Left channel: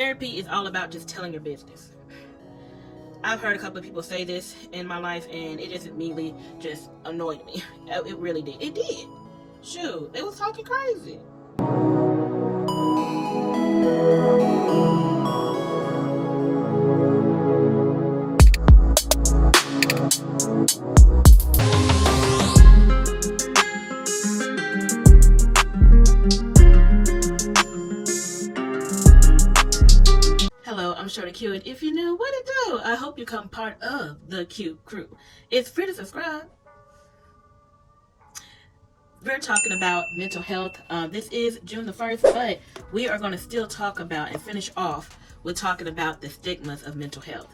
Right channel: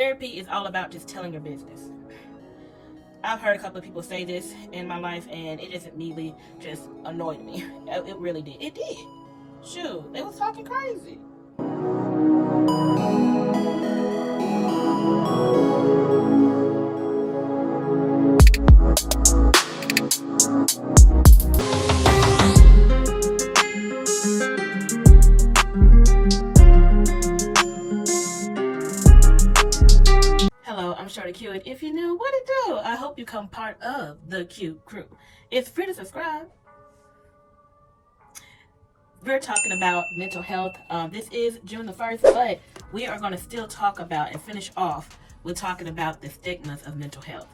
Therapy is all about just telling your business. I've heard a couple of people say this in my life, and it just immediately just annoyed me. It really did. It did. Shoot, they was talking crazy. Hello, I'm Shorty Q, and if you're new, what it do? I hope you become part of the Q crew. It's free to subscribe. We're talking about mental health. This is June the 1st, but we are going to still talk about and finish off with talking about the stigmas of mental health.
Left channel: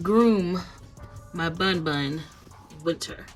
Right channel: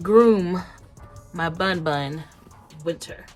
Groom, my bun Winter.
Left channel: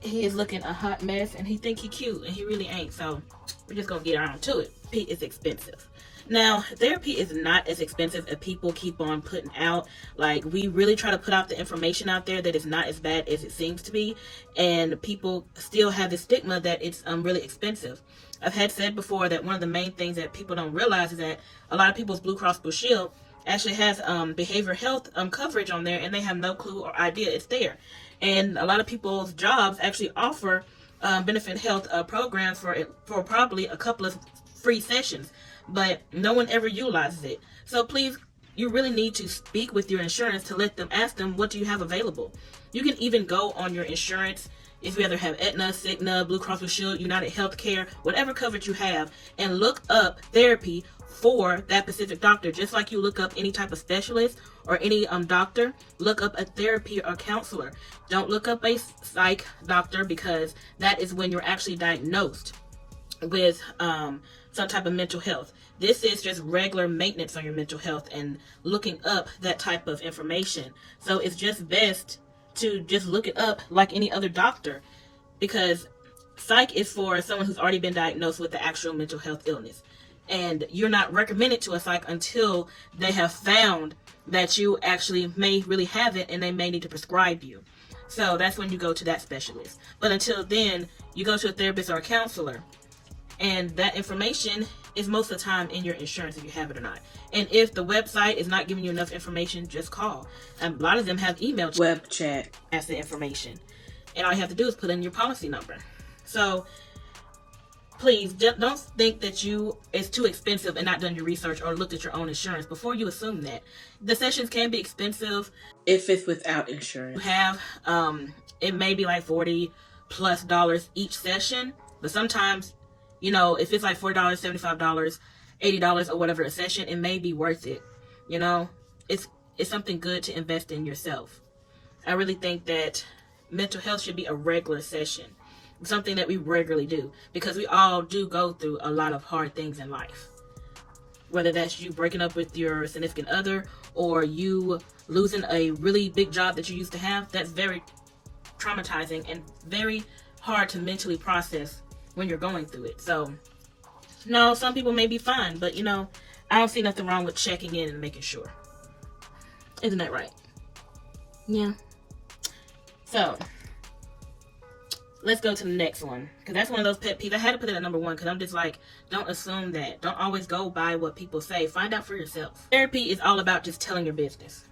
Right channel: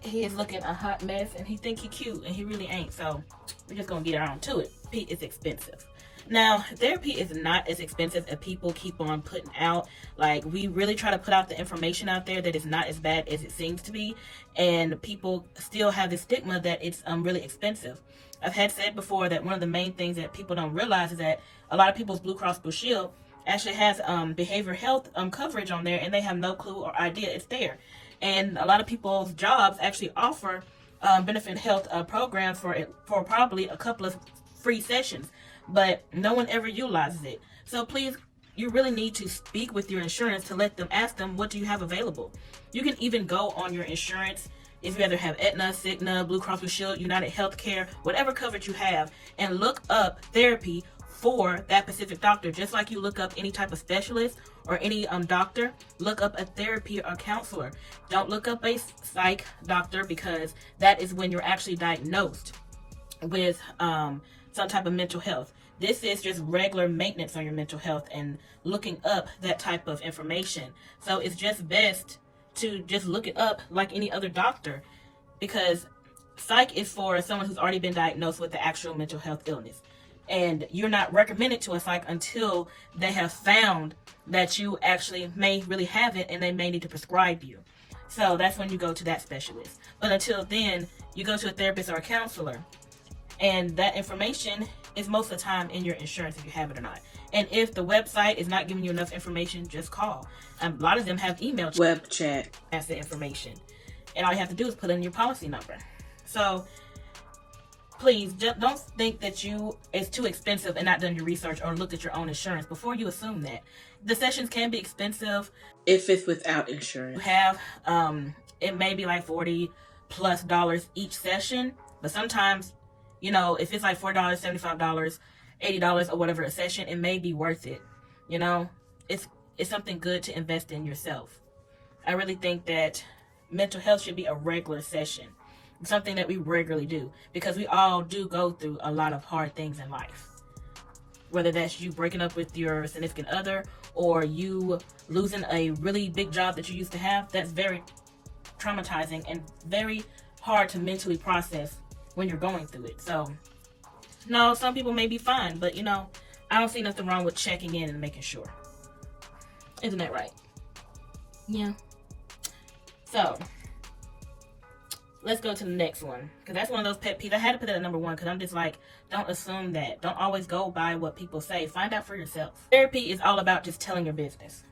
He is looking a hot mess, and he think he cute, and he really ain't. So we're just gonna get around to it. Pete is expensive. Now, therapy is not as expensive as people keep on putting out. Like, we really try to put out the information out there that it's not as bad as it seems to be, and people still have the stigma that it's really expensive. I've had said before that one of the main things that people don't realize is that a lot of people's Blue Cross Blue Shield actually has behavioral health coverage on there, and they have no clue or idea it's there. And a lot of people's jobs actually offer benefit health programs for probably a couple of free sessions, but no one ever utilizes it. So please, you really need to speak with your insurance to let them, ask them, what do you have available? You can even go on your insurance, if you either have Aetna, Cigna, Blue Cross Blue Shield, United Healthcare, whatever coverage you have, and look up therapy for that specific doctor. Just like you look up any type of specialist or any doctor, look up a therapy or counselor. Don't look up a psych doctor, because that is when you're actually diagnosed with some type of mental health. This is just regular maintenance on your mental health and looking up that type of information. So it's just best to just look it up like any other doctor, because psych is for someone who's already been diagnosed with the actual mental health illness. And you're not recommended to a psych until they have found that you actually may really have it, and they may need to prescribe you. So that's when you go to that specialist. But until then, you go to a therapist or a counselor. And that information is most of the time in your insurance, if you have it or not. And if the website is not giving you enough information, just call. A lot of them have email web chat as the information. And all you have to do is put in your policy number. So please don't think that it's too expensive and not done your research or looked at your own insurance before you assume that. The sessions can be expensive if it's without insurance. You have it may be like $40+ each session, but sometimes, you know, if it's like $4, $75, $80 or whatever a session, it may be worth it. You know, it's something good to invest in yourself. I really think that mental health should be a regular session, something that we regularly do, because we all do go through a lot of hard things in life. Whether that's you breaking up with your significant other, or you losing a really big job that you used to have, that's very traumatizing and very hard to mentally process when you're going through it. So, no, some people may be fine, but you know, I don't see nothing wrong with checking in and making sure. Isn't that right? Yeah. So, let's go to the next one, because that's one of those pet peeves. I had to put it at number 1 because I'm just like, don't assume that. Don't always go by what people say. Find out for yourself. Therapy is all about just telling your business.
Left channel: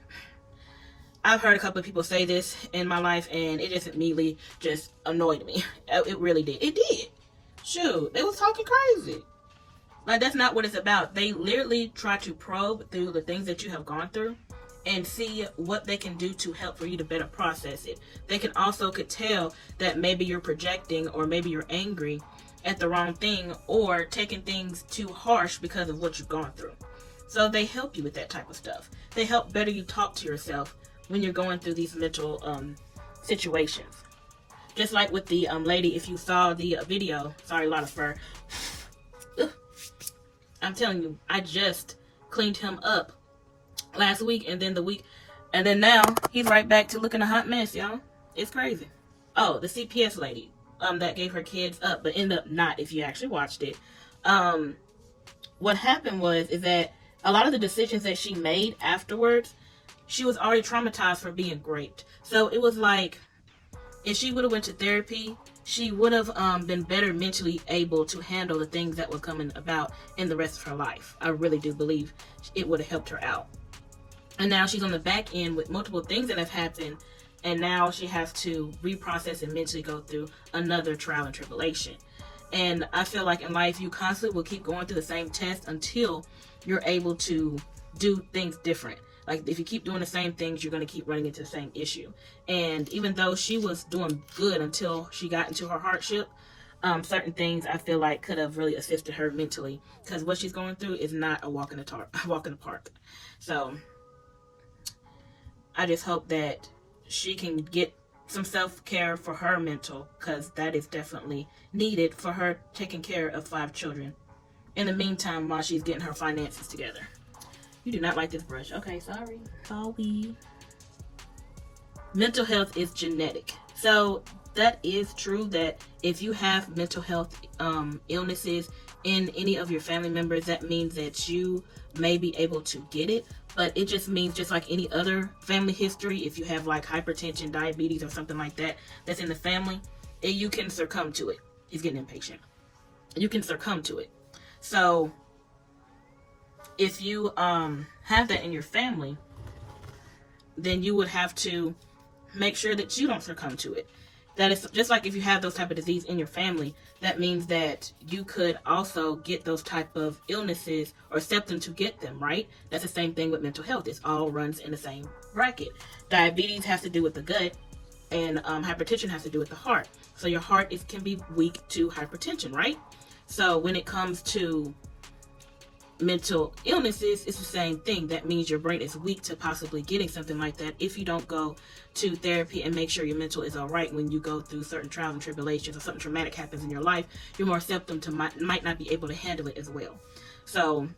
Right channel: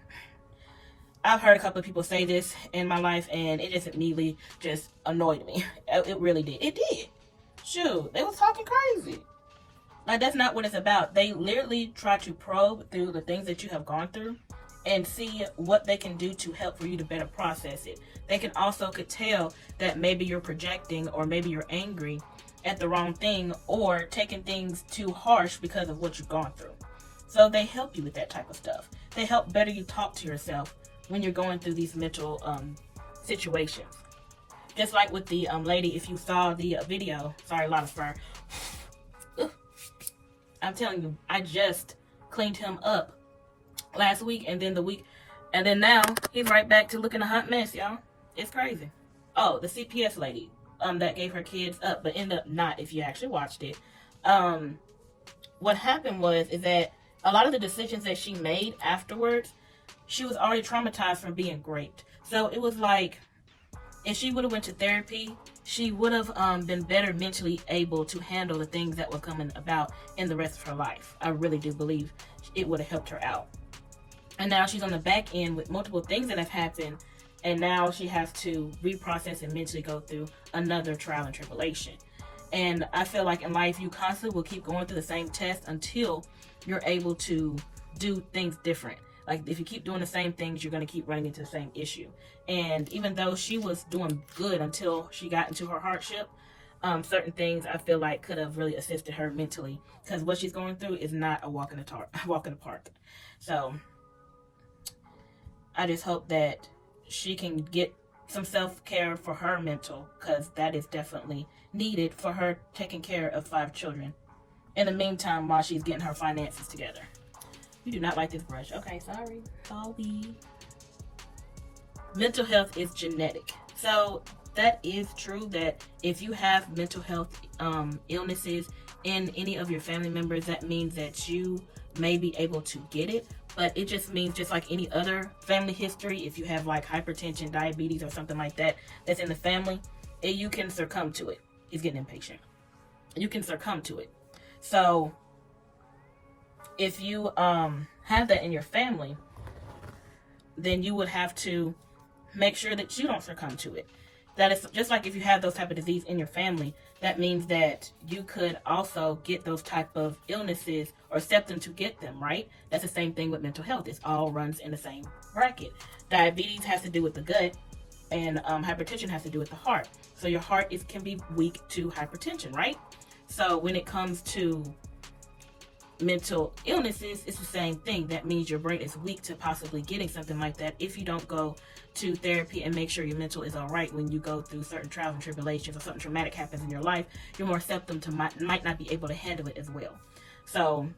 I've heard a couple of people say this in my life, and it just immediately just annoyed me. It really did. It did. Shoot, they was talking crazy. Like, that's not what it's about. They literally try to probe through the things that you have gone through and see what they can do to help for you to better process it. They can also could tell that maybe you're projecting, or maybe you're angry at the wrong thing, or taking things too harsh because of what you've gone through. So they help you with that type of stuff. They help better you talk to yourself when you're going through these mental situations. Just like with the lady, if you saw the video, sorry, a lot of fur. I'm telling you, I just cleaned him up last week, and then now he's right back to looking a hot mess, y'all. It's crazy. Oh, the CPS lady that gave her kids up, but ended up not, if you actually watched it. What happened is that a lot of the decisions that she made afterwards, she was already traumatized from being raped. So it was like, if she would have went to therapy she would have been better mentally able to handle the things that were coming about in the rest of her life. I really do believe it would have helped her out. And now she's on the back end with multiple things that have happened, and now she has to reprocess and mentally go through another trial and tribulation. And I feel like in life, you constantly will keep going through the same test until you're able to do things different. Like, if you keep doing the same things, you're going to keep running into the same issue. And even though she was doing good until she got into her hardship, certain things I feel like could have really assisted her mentally, because what she's going through is not a walk in the park. So I just hope that she can get some self-care for her mental, because that is definitely needed for her taking care of 5 children in the meantime while she's getting her finances together. You do not like this brush. Okay, sorry. Mental health is genetic. So that is true, that if you have mental health illnesses in any of your family members, that means that you may be able to get it. But it just means, just like any other family history, if you have like hypertension, diabetes, or something like that that's in the family, you can succumb to it. He's getting impatient. You can succumb to it. So if you have that in your family, then you would have to make sure that you don't succumb to it. That is just like if you have those type of disease in your family, that means that you could also get those type of illnesses or accept them to get them, right? That's the same thing with mental health. It all runs in the same bracket. Diabetes has to do with the gut, and hypertension has to do with the heart. So your heart can be weak to hypertension, right? So when it comes to mental illnesses, it's the same thing. That means your brain is weak to possibly getting something like that if you don't go to therapy and make sure your mental is all right when you go through certain trials and tribulations, or something traumatic happens in your life. You're more susceptible to might not be able to handle it as well. So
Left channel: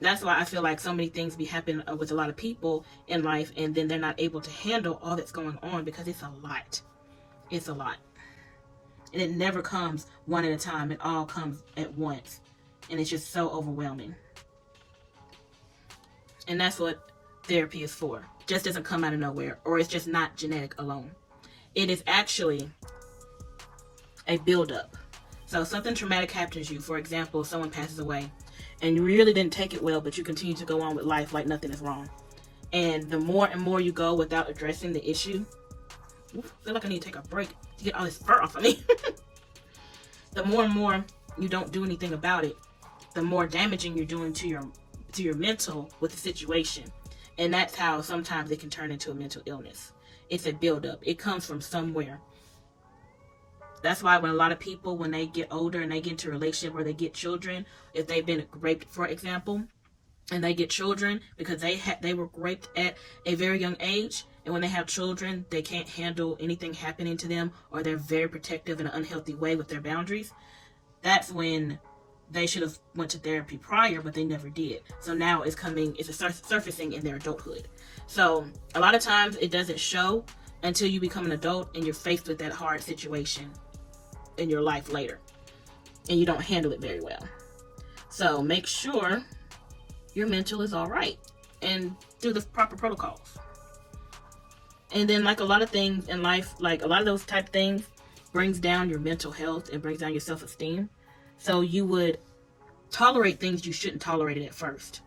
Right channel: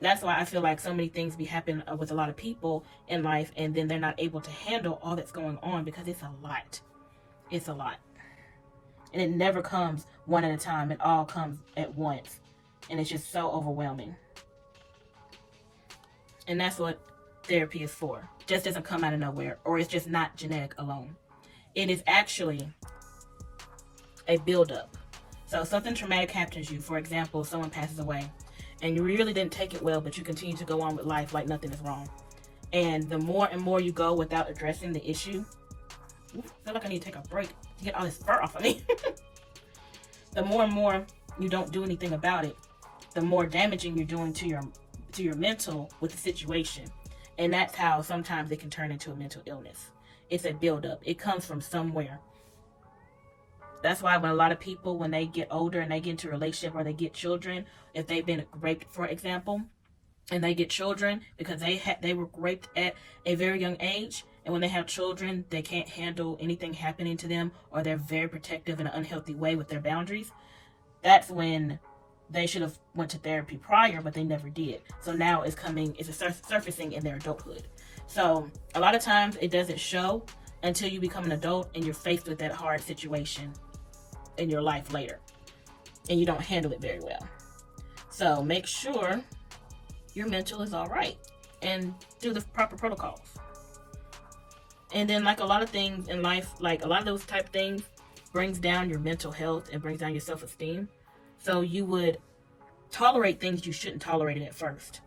that's why I feel like so many things be happening with a lot of people in life, and then they're not able to handle all that's going on, because it's a lot. It's a lot. And it never comes one at a time. It all comes at once. And it's just so overwhelming. And that's what therapy is for. Just doesn't come out of nowhere, or it's just not genetic alone. It is actually a buildup. So something traumatic happens to you. For example, someone passes away, and you really didn't take it well, but you continue to go on with life like nothing is wrong. And the more and more you go without addressing the issue, I feel like I need to take a break to get all this fur off of me. The more and more you don't do anything about it, the more damaging you're doing to your mental with the situation. And that's how sometimes it can turn into a mental illness. It's a buildup. It comes from somewhere. That's why when a lot of people, when they get older and they get into a relationship, or they get children, if they've been raped, for example, and they get children because they were raped at a very young age, and when they have children, they can't handle anything happening to them, or they're very protective in an unhealthy way with their boundaries, that's when they should have went to therapy prior, but they never did. So now it's surfacing in their adulthood. So a lot of times it doesn't show until you become an adult and you're faced with that hard situation in your life later, and you don't handle it very well. So make sure your mental is all right, and do the proper protocols. And then, like a lot of things in life, like a lot of those type of things brings down your mental health and brings down your self-esteem. So you would tolerate things you shouldn't tolerate it at first.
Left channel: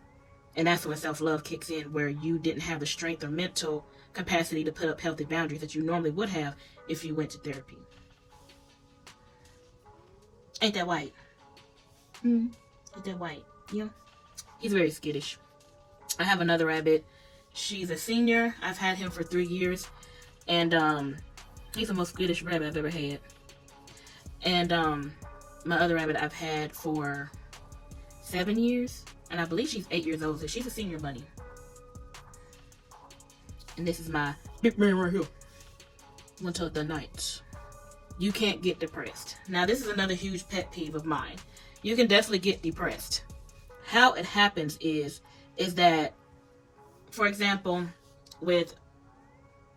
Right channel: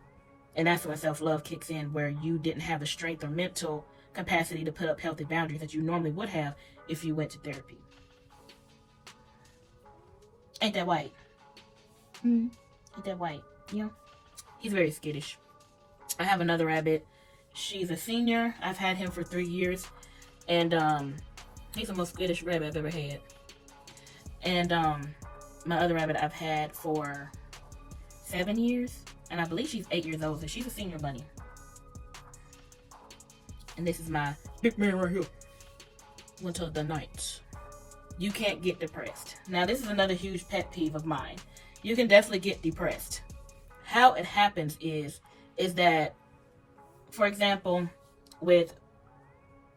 And that's when self-love kicks in, where you didn't have the strength or mental capacity to put up healthy boundaries that you normally would have if you went to therapy. Ain't that white? Ain't that white? Yeah. He's very skittish. I have another rabbit. She's a senior. I've had him for 3 years. And he's the most skittish rabbit I've ever had. And my other rabbit I've had for 7 years. And I believe she's 8 years old. So she's a senior bunny. And this is my big man right here. Winter of the night. You can't get depressed. Now, this is another huge pet peeve of mine. You can definitely get depressed. How it happens is that, for example, with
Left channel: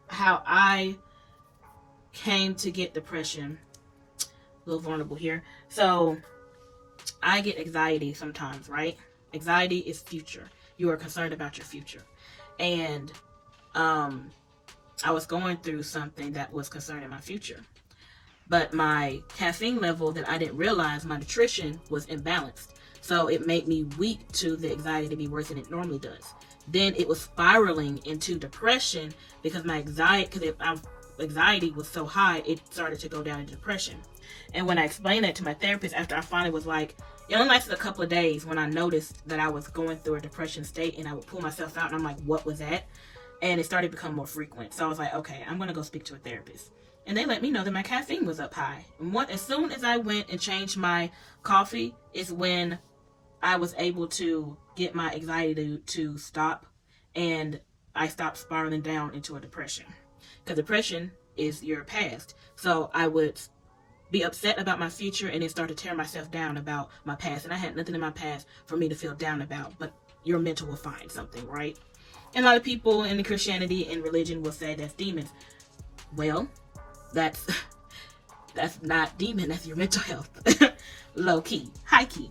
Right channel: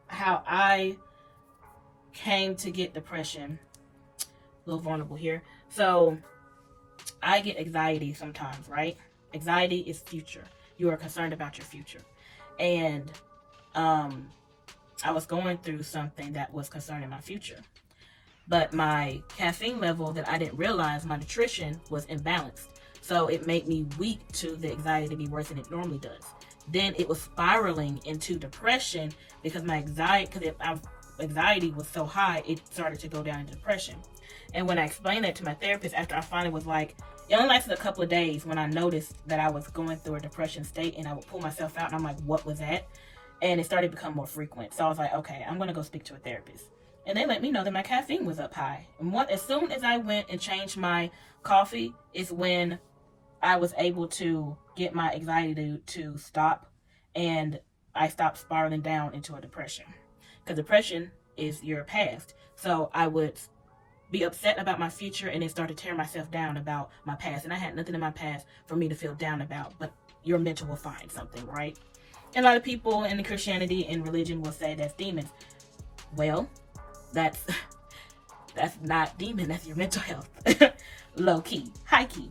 how I came to get depression, a little vulnerable here. So I get anxiety sometimes, right? Anxiety is future. You are concerned about your future. And I was going through something that was concerning my future. but my caffeine level that I didn't realize, my nutrition was imbalanced. So it made me weak to the anxiety to be worse than it normally does. Then it was spiraling into depression because my anxiety was so high, it started to go down into depression. And when I explained that to my therapist, after I finally was like, it only lasted a couple of days when I noticed that I was going through a depression state, and I would pull myself out and I'm like, what was that? And it started to become more frequent. So I was like, okay, I'm going to go speak to a therapist. And they let me know that my caffeine was up high. And as soon as I went and changed my coffee is when I was able to get my anxiety to stop, and I stopped spiraling down into a depression. Because depression is your past. So I would be upset about my future and then start to tear myself down about my past. And I had nothing in my past for me to feel down about, but your mental will find something, right? And a lot of people in the Christianity and religion will say that's demons. Well, that's not demon, that's your mental health. Low key, high key.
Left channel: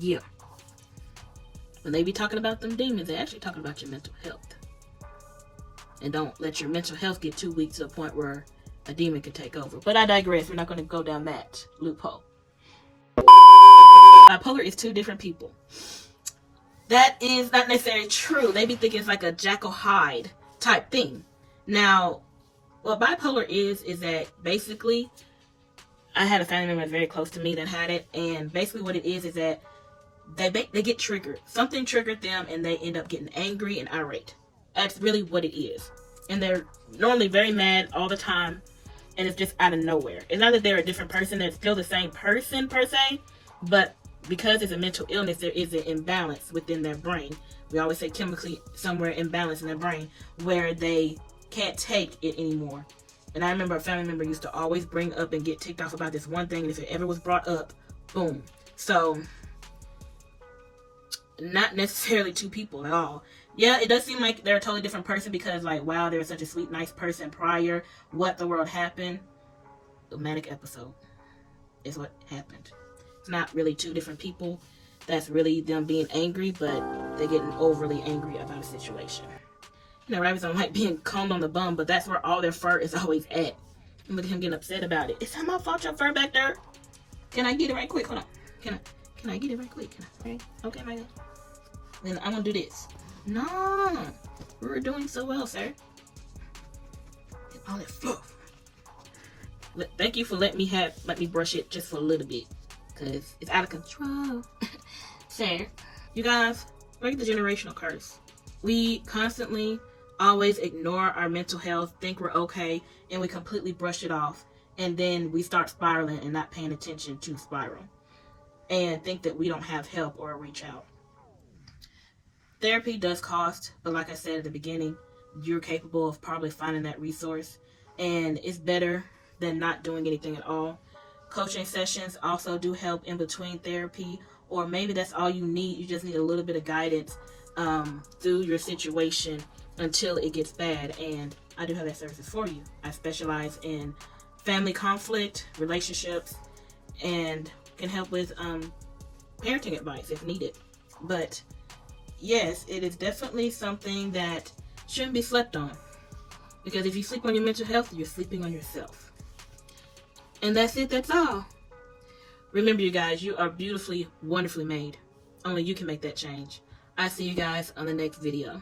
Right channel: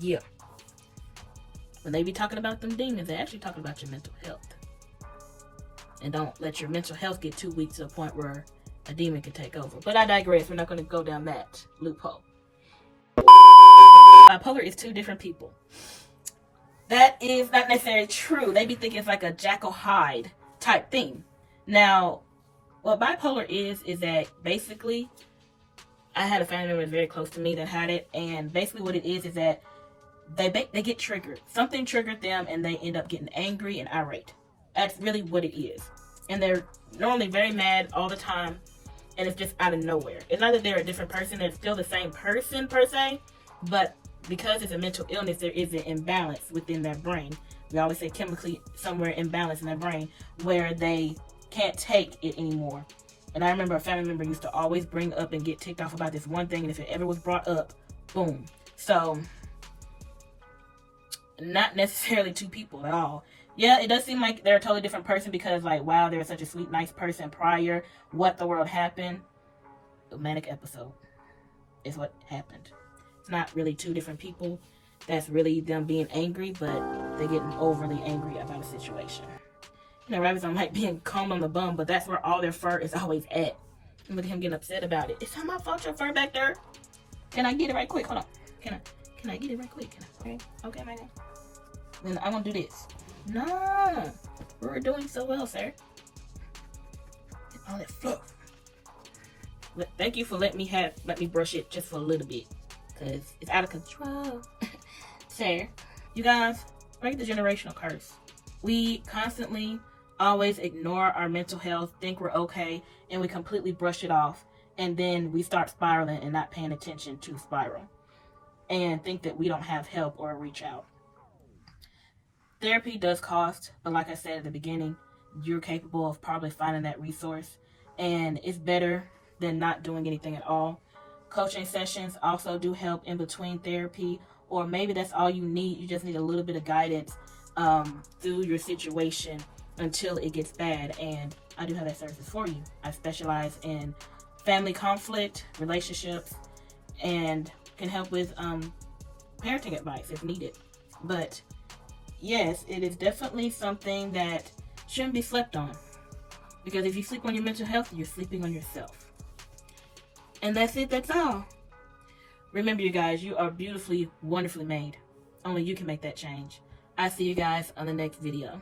Yeah. When they be talking about them demons, they're actually talking about your mental health. And don't let your mental health get too weak to a point where a demon can take over. But I digress. We're not going to go down that loophole. Bipolar is two different people. That is not necessarily true. They be thinking it's like a Jackyl Hyde type thing. Now, what bipolar is that basically, I had a family member that's very close to me that had it. And basically what it is that they get triggered. Something triggered them and they end up getting angry and irate. That's really what it is. And they're normally very mad all the time. And it's just out of nowhere. It's not that they're a different person. They're still the same person per se. But because it's a mental illness, there is an imbalance within their brain. We always say chemically somewhere imbalance in their brain where they can't take it anymore. And I remember a family member used to always bring up and get ticked off about this one thing. And if it ever was brought up, boom. So, not necessarily two people at all. Yeah, it does seem like they're a totally different person because, like, wow, they're such a sweet, nice person prior. What the world happened? A manic episode is what happened. It's not really two different people. That's really them being angry, but they're getting overly angry about a situation. You know, rabbits don't like being combed on the bum, but that's where all their fur is always at. And look at him getting upset about it. It's not my fault your fur back there. Can I get it right quick? Hold on. Can I get it right quick? Okay, my God. Then I'm gonna do this. No, we're doing so well, sir. Get all that fluff. Thank you for letting me brush it just for a little bit, cause it's out of control. Sir, you guys, break the generational curse. We constantly always ignore our mental health, think we're okay, and we completely brush it off, and then we start spiraling and not paying attention to spiral, and think that we don't have help or reach out. Therapy does cost, but like I said at the beginning, you're capable of probably finding that resource, and it's better than not doing anything at all. Coaching sessions also do help in between therapy, or maybe that's all you need. You just need a little bit of guidance through your situation until it gets bad, and I do have that services for you. I specialize in family conflict, relationships, and can help with parenting advice if needed. But yes, it is definitely something that shouldn't be slept on. Because if you sleep on your mental health, you're sleeping on yourself. And that's it, that's all. Remember, you guys, you are beautifully, wonderfully made. Only you can make that change. I see you guys on the next video.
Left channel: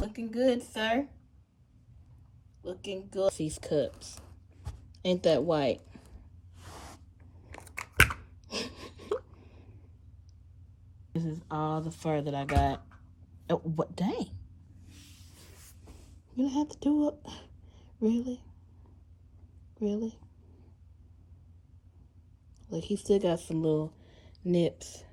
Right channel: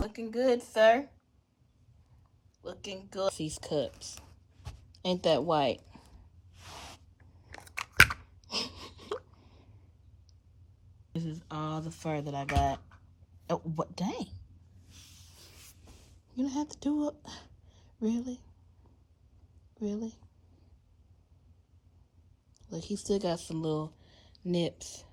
Looking good, sir. Looking good. These cups. Ain't that white? This is all the fur that I got. Oh, what? Dang. You don't have to do it. Really? Really? Look, he still got some little nips.